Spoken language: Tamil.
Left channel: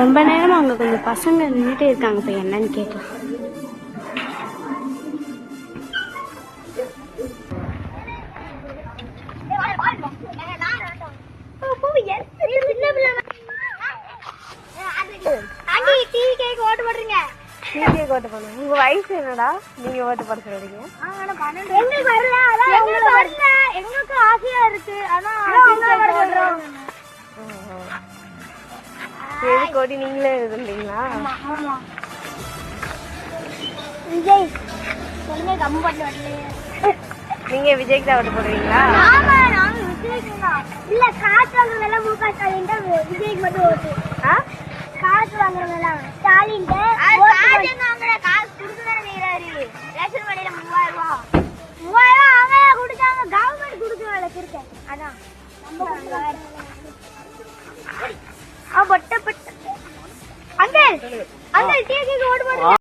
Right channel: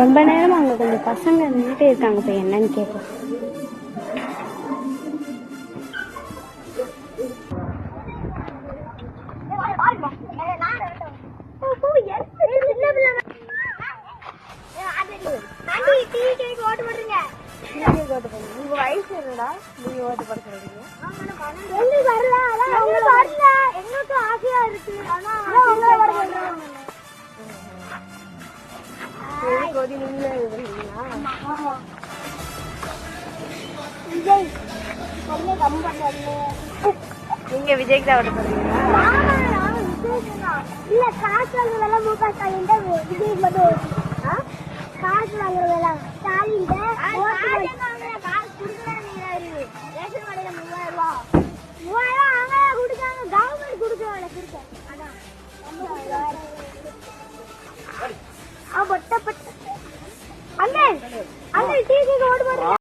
ரொம்ப நேரமா அங்க கொஞ்சம் பசங்க நின்றுட்டே இருக்காங்க, இப்போ என்னன்னு கேட்கலாம். உங்க வயசு என்னடா? நீங்க ஓட்டு போட சொல்றீங்க? எங்களுக்கு ஆசையா இருக்கு. சரி கோடி, நீங்களே இருந்தீங்களா? விஜய் நீங்க விஜய்க்கு தான் ஓட்டு போடுவீங்களா? இல்ல காசு வாங்குறதெல்லாம் முக ஸ்டாலின் தான், விஜய்க்கு மட்டும் ஓட்டு. காசு வாங்குறதெல்லாம் ஸ்டாலின் காசு கொடுக்கதான் செய்யறாரு. ரேஷன் கடையில 3000 ரூபாய் அவங்க கொடுத்தாங்க, கவர்மெண்ட் கொடுக்கல கொடுக்க. அதான் பொட்ட பொட்ட அங்க அங்க டிவிக்கு ஓட்டு போடுறேன்.